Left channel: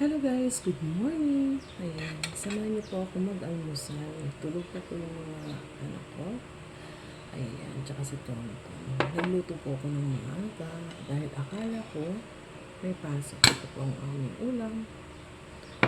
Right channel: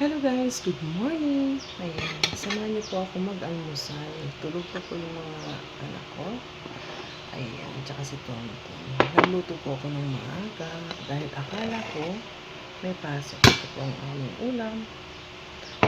Hello guys, good morning. Ayan, samahan niyo po ako mag-almusal. Tulog pa po yung mga anak ko. Ayan, tsaka si Tonton. Nagluto po ako ng maaga dahil akala ko may pasok. Ito po ang aming ulam,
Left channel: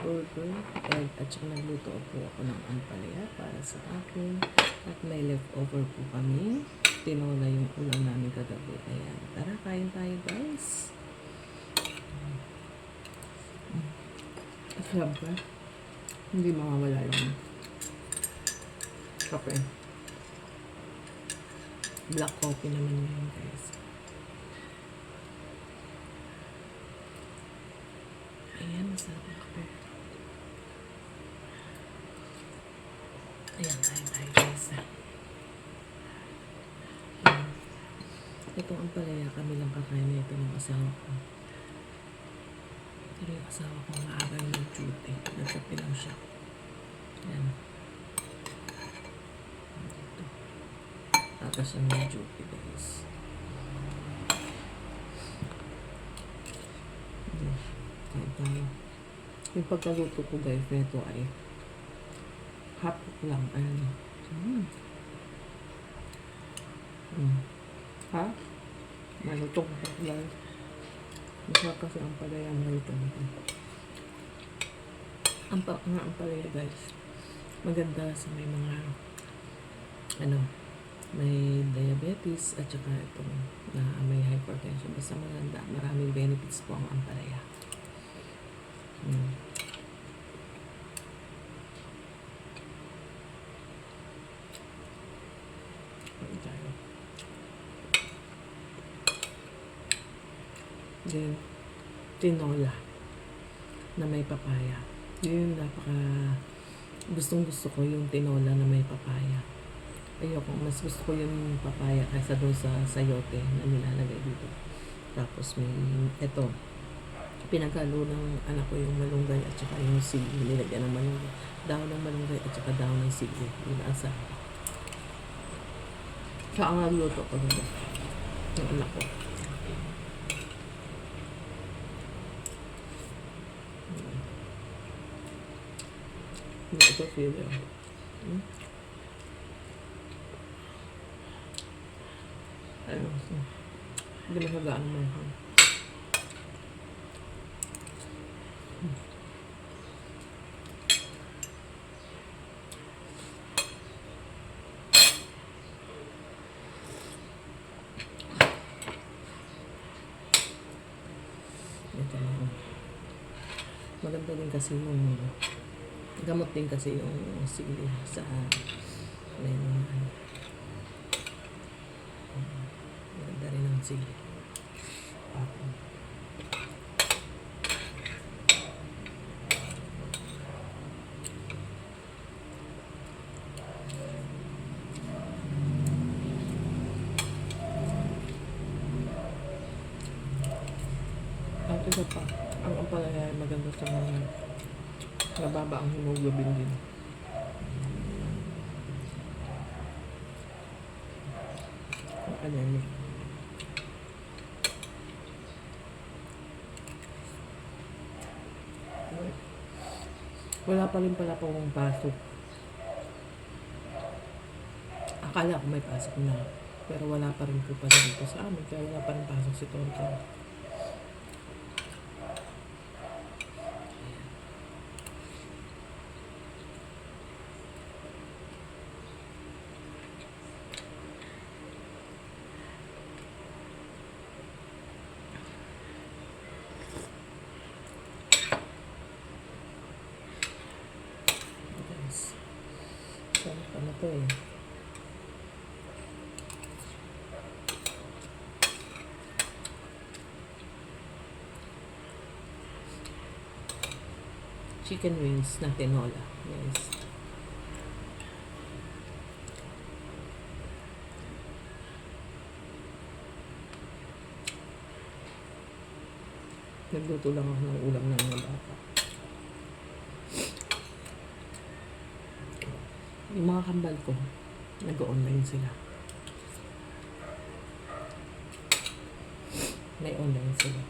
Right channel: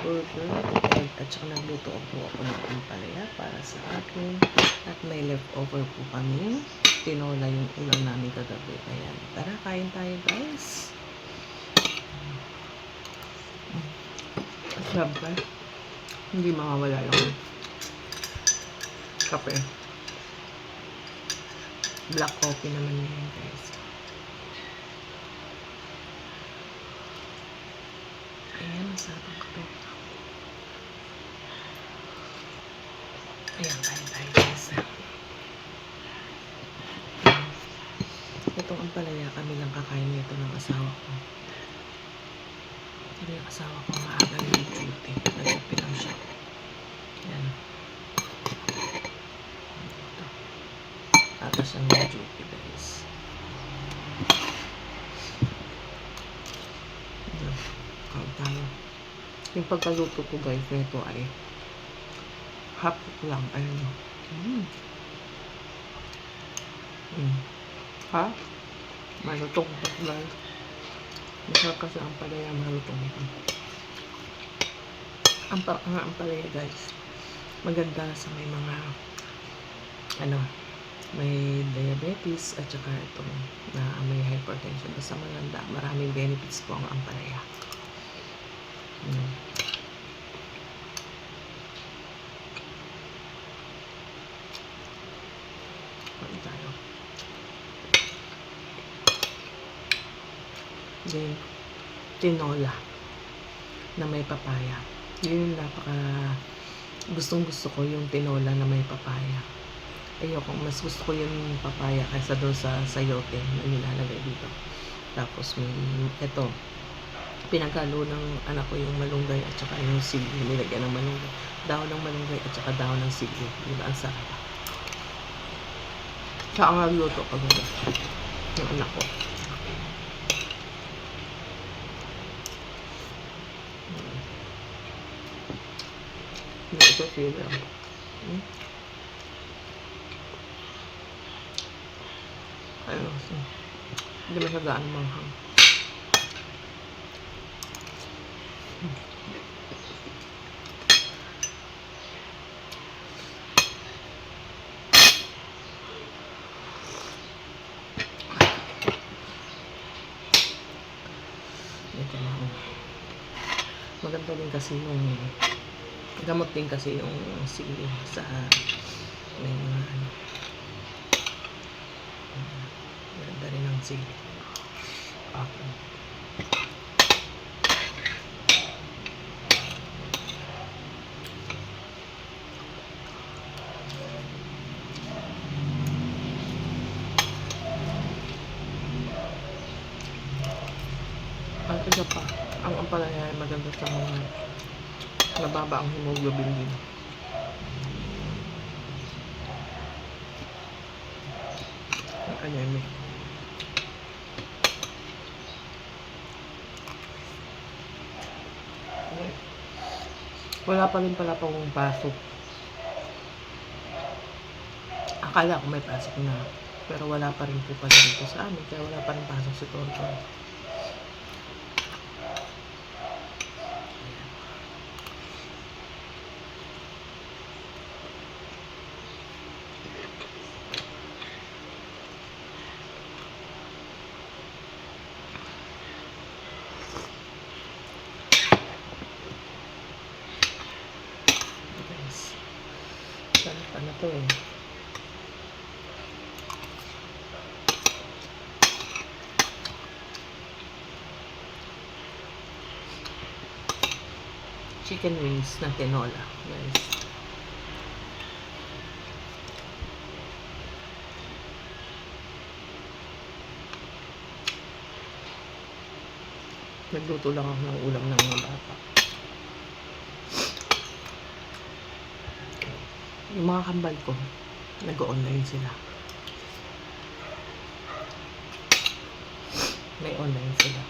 burger, egg, at tsaka nagluto po ako ng ampalaya para sa akin. At may leftover po kami. Tinola yung ulam namin kagabi. Ayan, tara kain tayo guys. Sarap ka. Hindi mawawala yung kape. Black coffee naman yun guys. Ayan, masarap ang kape. Ayan, kain guys. Itong ampalaya kami lang kakain nito ng asawa ko. Pero yung asawa ko maaga yung duty. Nag-duty lang siya. Ayan. Tapos siya yung duty guys. Ayan. Kain tayo. Yung pagkaluto ko guys nito ay half cook lang. Ayun o. Ha? Malutong pa guys. Masarap kasi ang palaya, malutong ito. Ang palaya guys, maganda sa may mga may diabetes at saka itong na may hypertension. Basta maganda, maraming benefits po ang ampalaya. Kain tayo. Then, tinola na may papaya. Yun yung gustong gusto ko yung tinola na may papaya. Ayoko, mas gusto ko yung papaya kaysa doon sa sayote na nilalagay dito. Tapos ito, pinagalo ng anak ko yung malunggay at saka yung sili. Nilagyan ng malunggay. Dahon ng malunggay at saka dahon ng sili. Diba ang sarap? Sa ang nagluto ko doon ng anak ko. Ito sila. Ayun. Hindi masagaan manghang. Ito maganda din kasi yung gamot din kasi yung sili sa may mga maganda rin ang sili. Okay. At isa pa, ang ampalaya ay maganda sa mga nababa ang hemoglobin din. Anemic. Wala pa rin pala pong pasok. Akala ko may pasok na. Pero wala pa rin po pala dito sa amin. Kaya wala pa rin pasok si Tonton. Sarap na to eh. Chicken wings na tinola, guys. Nagluto lang ako ng ulam ng mga bata. Yung mga kambal ko, nag-online sila. May online sila.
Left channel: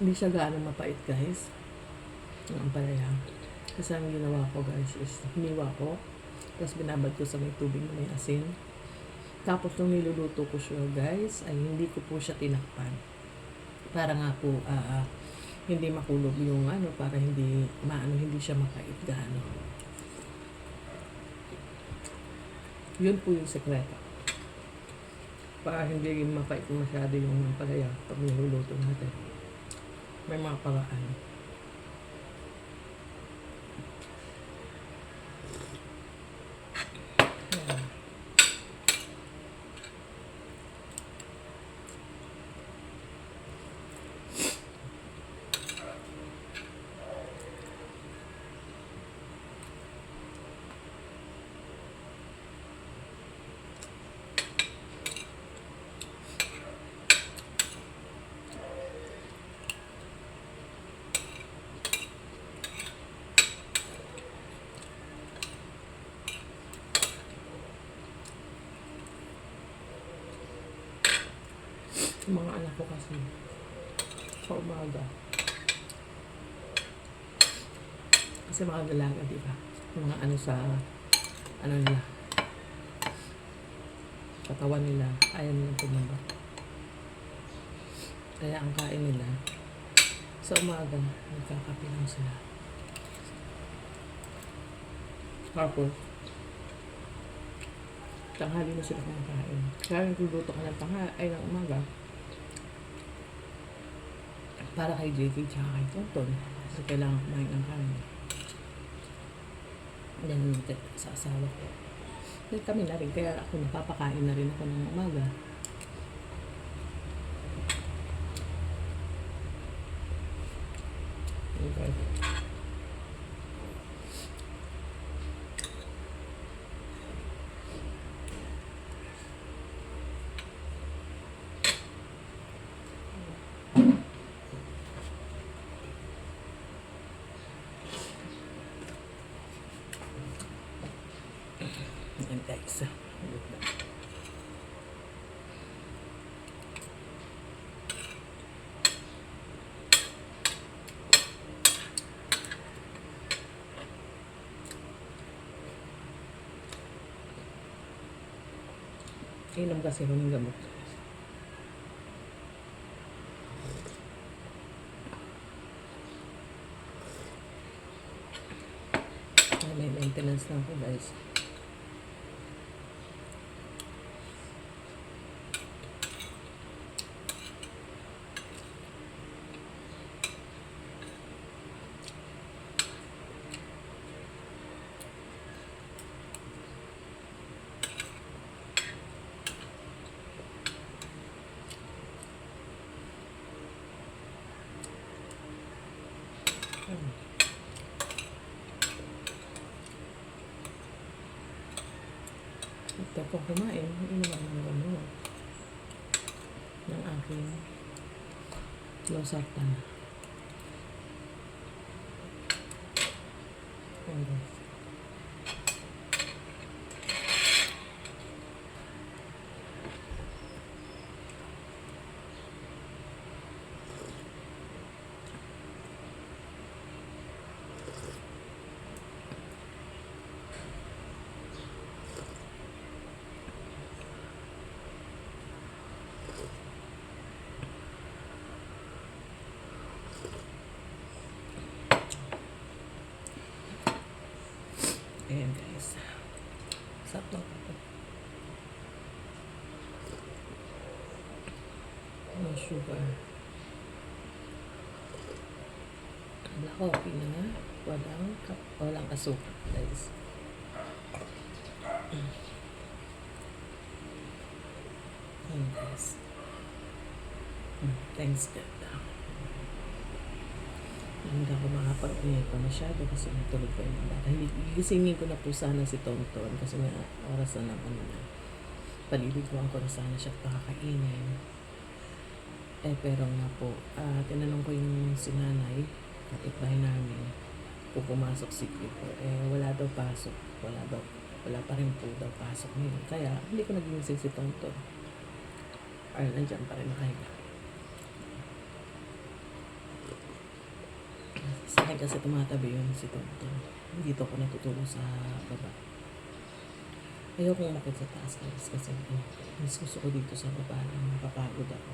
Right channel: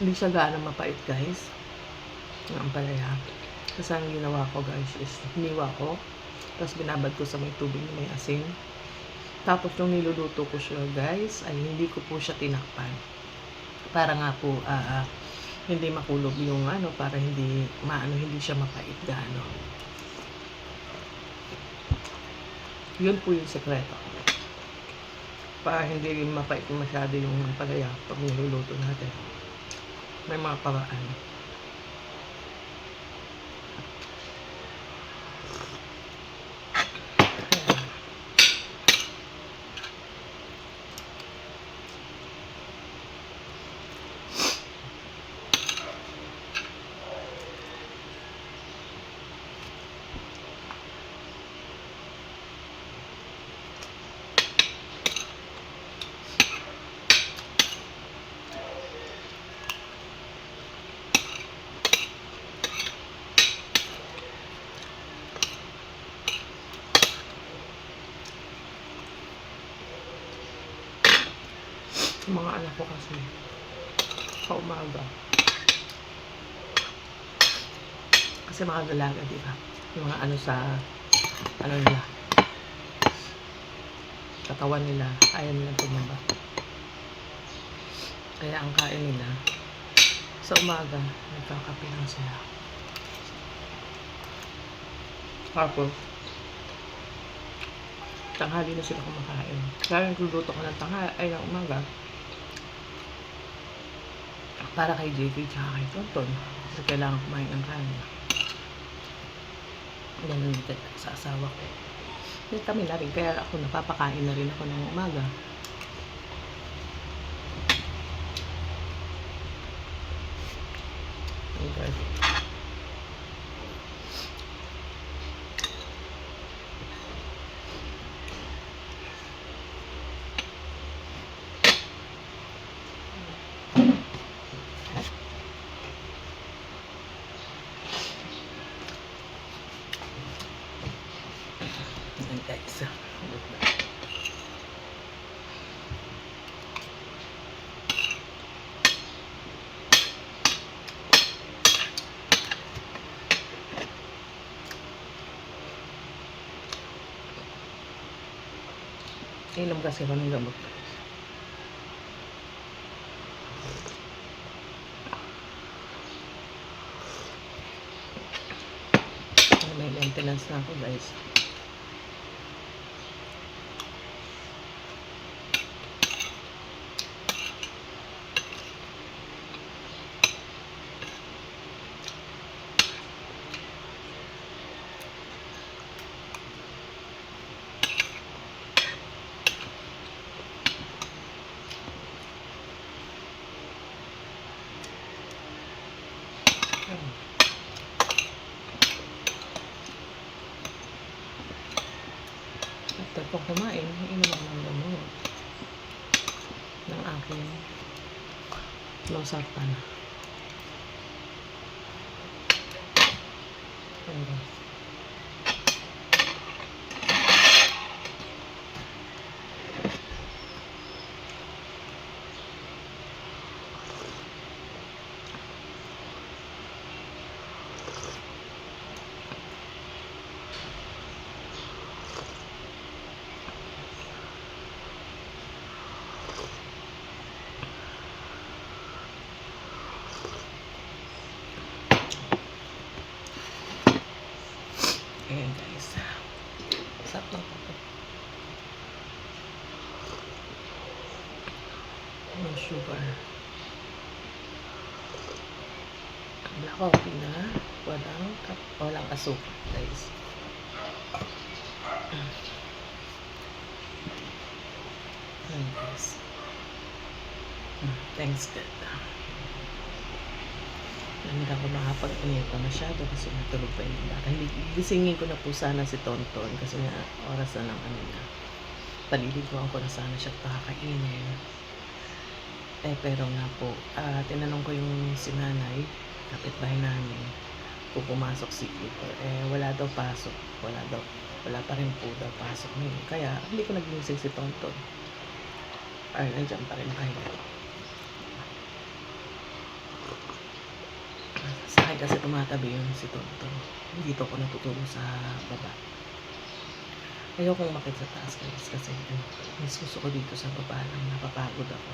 Hindi siya gaano mapait, guys. Ang ampalaya. Kasi ang ginawa ko, guys, is hiniwa ko. Tapos binabad ko sa may tubig na may asin. Tapos nung niluluto ko siya, guys, ay hindi ko po siya tinakpan. Para nga po, hindi makulog yung para hindi siya mapait gaano. Yun po yung sekreto. Para hindi rin mapait masyado yung ampalaya pag niluluto natin. May mga paraan. Yung mga anak ko kasi sa umaga. Kasi mga dalaga, di ba? Yung mga nila, katawan nila, ayaw nilang tumaba. Kaya ang kain nila, sa umaga, nagkakape lang sila. Tapos, tanghali na sila kumakain. Kaya nagluto ko ng ng umaga, para kay JK tsaka kay Tonton. Kasi kailangan kumain ng kanin. Ganun din sa asawa ko. Hindi kami na rin, kaya ako napapakain na rin ako ng umaga. Okay. Ayan, guys. Inom kasi ako ng gamot. May maintenance na ako, guys. After kong kumain, inom ako ng gamot ng aking losartan. Ayan, guys. Sarap ng kape. May sugar. Black coffee na walang asukal, guys. Ayan, guys. Thanks, God. Hindi ako makapag-ingay pa masyado kasi matulog pa yung bata. Gisingin ko na po sana si Tonton kasi nga oras na ng niya. Paliliguan ko na sana siya pakakainin. Pero nga po, tinanong ko yung si nanay, kapitbahay namin, kung pumasok si Clipper. Wala daw pasok. Wala pa rin po daw pasok ngayon. Kaya hindi ko nagigising si Tonton. Nandiyan pa rin nakahiga. akin kasi tumatabi yun si Tonto. Dito ako natutulog sa baba. Ayokong umakit sa taas guys kasi mas gusto ko dito sa baba lang, napapagod ako.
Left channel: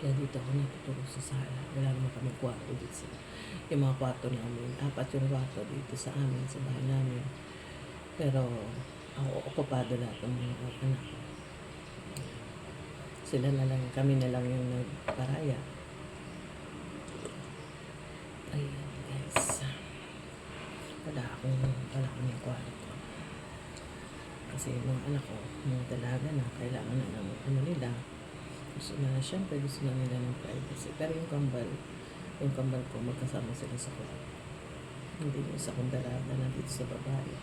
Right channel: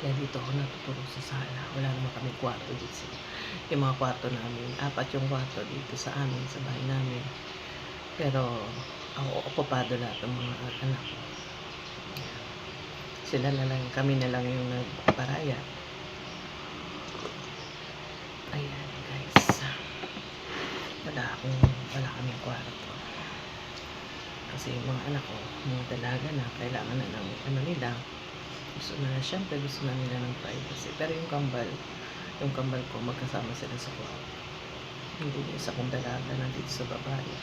Kaya dito ako natutulog sa sala. Wala naman kaming kwarto dito. Yung mga kwarto namin, 4 yung kwarto dito sa amin, sa bahay namin. Pero ako okupado lahat ng mga anak ko. Sila na lang, kami na lang yung nagparaya. Ayan guys. Wala kaming kwarto. Kasi yung mga anak ko, mga dalaga na, kailangan na ng nila. Siyempre gusto na nila ng privacy. Pero yung kambal ko, magkasama sila sa kwarto. Hindi yung isa kong dalaga nandito sa babae.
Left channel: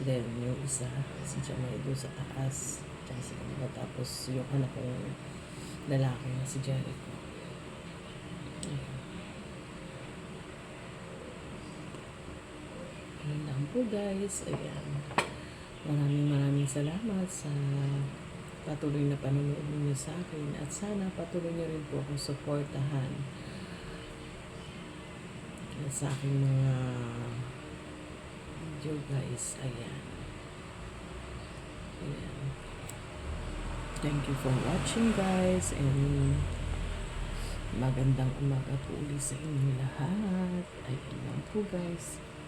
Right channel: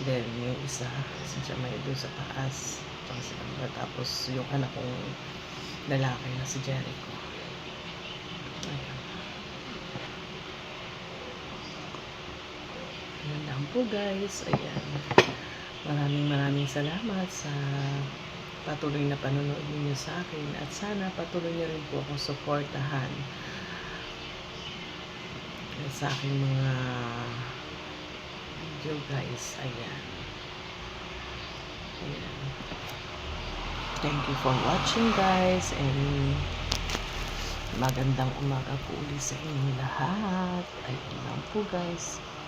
Then, yung isa, si Jamay doon sa taas. Tapos, yung anak kong lalaki na si Jericho. Ayan. Ayan lang po guys. Ayan. Maraming salamat sa patuloy na panonood ninyo sa akin. At sana patuloy niyo rin po akong suportahan sa aking mga video guys. Ayan. Thank you for watching guys, and magandang umaga po ulit sa inyong lahat. Ayun lang po guys.